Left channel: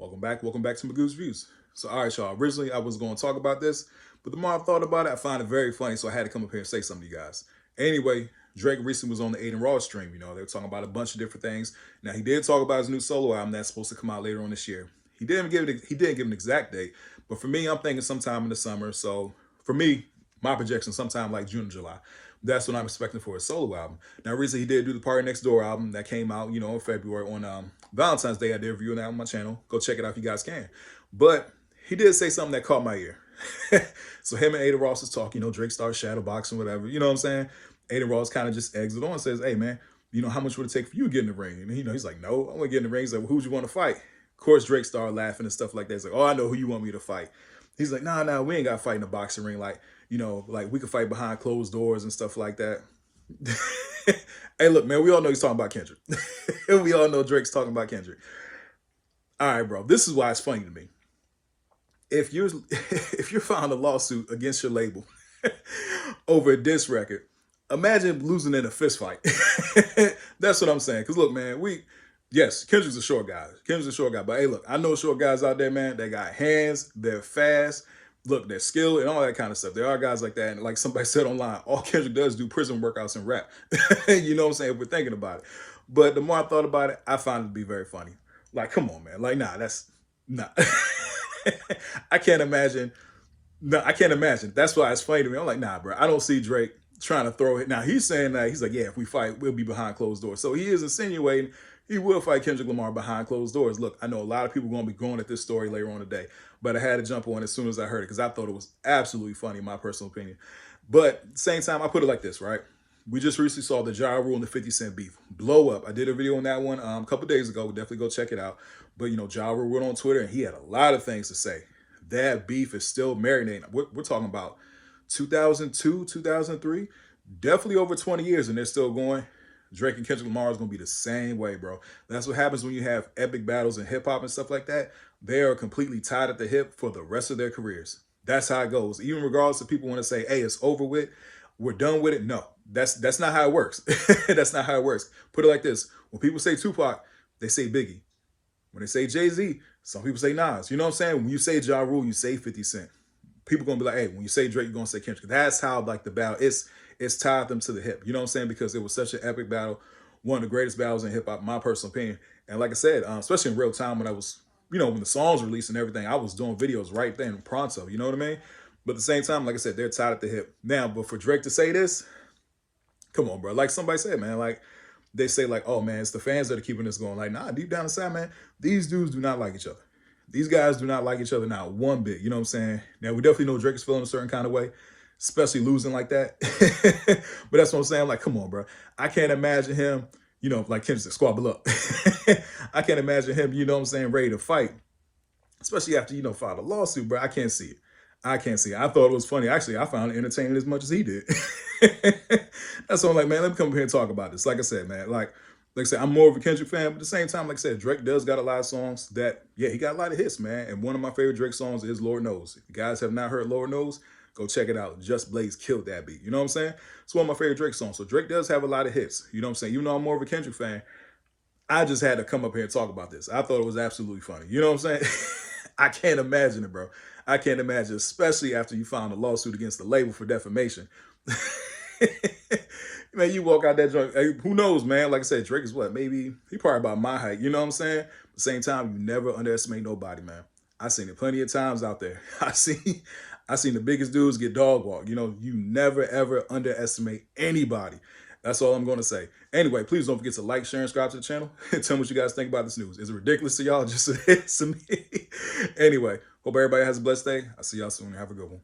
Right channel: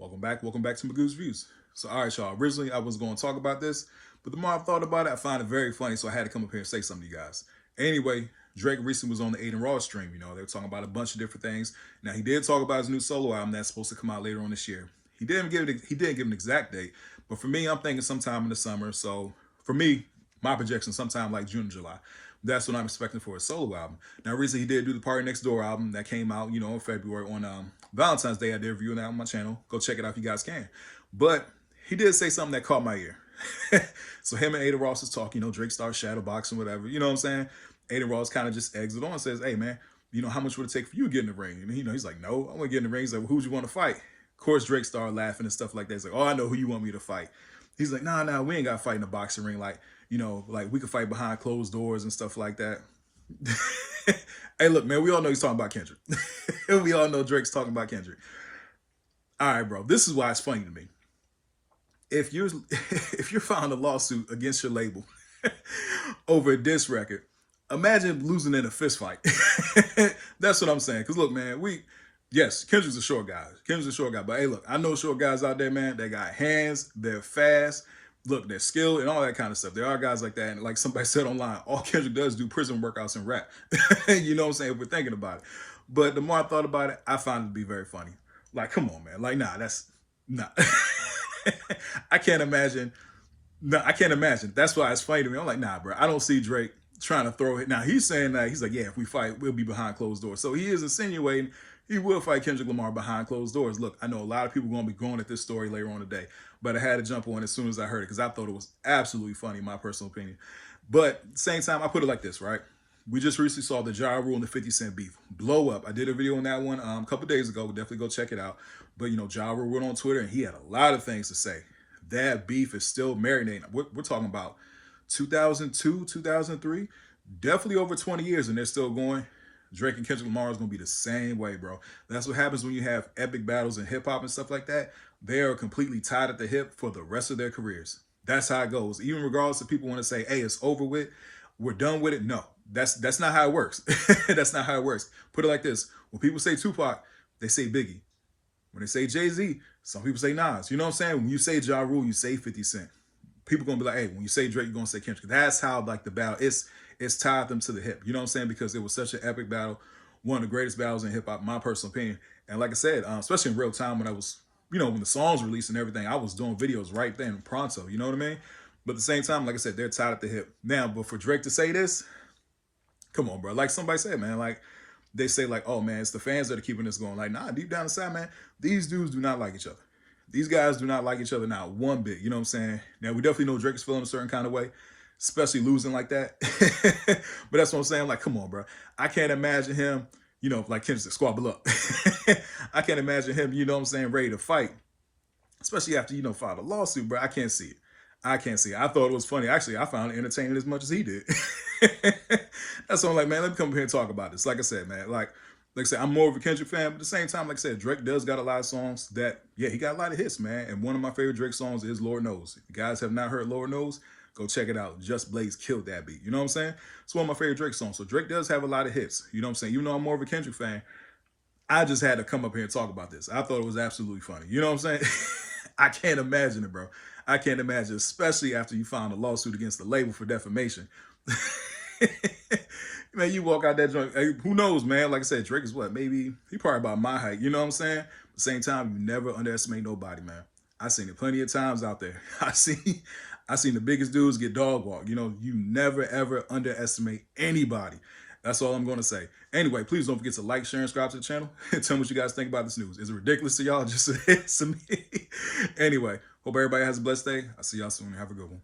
Welcome back to Magoo's Views. So, all right, y'all. Originally, I was going to talk about this, but the more I thought about it, I found it very funny, so I had to come up here and say something to you guys. Anyway, Drake recently was on the Aiden Ross stream. They were talking about a bunch of different things. Now, he did talk about his new solo album that's supposed to come out later on this year. He didn't give an exact date, but for me, I'm thinking sometime in the summer. So, for me, my projection sometime like June or July. That's what I'm expecting for a solo album. Now, recently he did do the Party Next Door album that came out, in February on Valentine's Day. I did review that on my channel. Go check it out if you guys can. But he did say something that caught my ear. So him and Ada Ross is talking, Drake starts shadow boxing, whatever. You know what I'm saying? Ada Ross kind of just eggs it on and says, hey, man, how much would it take for you to get in the ring? And, he's like, no, I want to get in the ring. He's like, well, who'd you want to fight? Of course, Drake started laughing and stuff like that. He's like, oh, I know who you want me to fight. He's like, nah, we ain't got to fight in a boxing ring. Like we could fight behind closed doors and stuff like that. Hey, look, man, we all know he's talking about Kendrick. We all know Drake's talking about Kendrick. All right, bro, this is why it's funny to me. If you're filing a lawsuit against your label over a diss record, imagine losing in a fist fight. That's what I'm saying. Because look, man, yes, Kendrick's a short guy. But hey, look, I know short guys out there, man. They got hands, they're fast. Look, they're skilled and all that kind of stuff. There are guys like that. And like somebody said online, all Kendrick does is do prison workouts and rap. You know what I'm saying? If we're thinking about it. But the more I thought about it, I found it to be very funny. Like, come on, man. Like, nah. I can't imagine. No, I can't imagine. That's why it's funny to me. I'm like, nah, bro. I don't see Drake trying to throw it. Now, he's saying that. He's like, yeah, if we fight, we'll be behind closed doors. So he is insinuating he will fight Kendrick Lamar behind closed doors. Look, I know a lot of people are going to be going at this story later on today, but I had to jump on as soon as I heard it because I thought it was absolutely funny, in my personal opinion. But at the same time, I put it like this, right? We just recently saw the Ja Rule and the 50 Cent beef blow up. I did a video on that one a couple days ago. Definitely go check it out. But, Ja Rule went on Twitter and he had a lot of things to say. That beef is still marinating. We're talking about 2002, 2003, definitely over 20 years, and they're still going. Drake and Kendrick Lamar is going to be the same way, bro. That's what happens when you have epic battles in hip-hop and stuff like that. They are completely tied at the hip for the rest of their careers. That's how it goes. Even regardless if people want to say, hey, it's over with, we're done with it. No, that's not how it works. That's not how it works. Put it like this. When people say Tupac, they say Biggie. When they say Jay-Z, some people say Nas. You know what I'm saying? When you say Ja Rule, you say 50 Cent. People going to be like, hey, when you say Drake, you're going to say Kendrick. That's how, like, the battle, it's tied them to the hip. You know what I'm saying? Because it was such an epic battle, one of the greatest battles in hip-hop, my personal opinion. And like I said, especially in real time when I was, when the songs released and everything, I was doing videos right then, pronto. You know what I mean? But at the same time, like I said, they're tied at the hip. Now, but for Drake to say this, come on, bro. Like somebody said, man, like, they say like, oh, man, it's the fans that are keeping this going. Like, nah, deep down inside, man, these dudes do not like each other. These guys do not like each other now one bit. You know what I'm saying? Now, we definitely know Drake is feeling a certain kind of way, especially losing like that. But that's what I'm saying. Like, come on, bro. I can't imagine him, like Kendrick said, squabble up. I can't imagine him, ready to fight, especially after, filed a lawsuit, bro. I can't see it. I thought it was funny. Actually, I found it entertaining as much as he did. That's why I'm like, man, let me come up here and talk about this. Like I said, man, like I said, I'm more of a Kendrick fan, but at the same time, like I said, Drake does got a lot of songs that, yeah, he got a lot of hits, man. And one of my favorite Drake songs is Lord Knows. If you guys have not heard Lord Knows, go check it out. Just Blaze killed that beat. You know what I'm saying? It's one of my favorite Drake songs. So Drake does have a lot of hits. You know what I'm saying? Even though I'm more of a Kendrick fan, I just had to come up here and talk about this. I thought it was absolutely funny. You know what I'm saying? I can't imagine it, bro. I can't imagine, especially after you filed a lawsuit against the label for defamation. Man, you walk out that joint, hey, who knows, man? Like I said, Drake is what? Maybe he probably about my height. You know what I'm saying? At the same time, you never underestimate nobody, man. I've seen it plenty of times out there. I seen the biggest dudes get dog walked. You never, ever underestimate anybody. That's all I'm going to say. Anyway, please don't forget to like, share, and subscribe to the channel. And tell me what you guys think about this news. Is it ridiculous to y'all? Just to me. Anyway, hope everybody has a blessed day. I'll see y'all soon. Have a good one.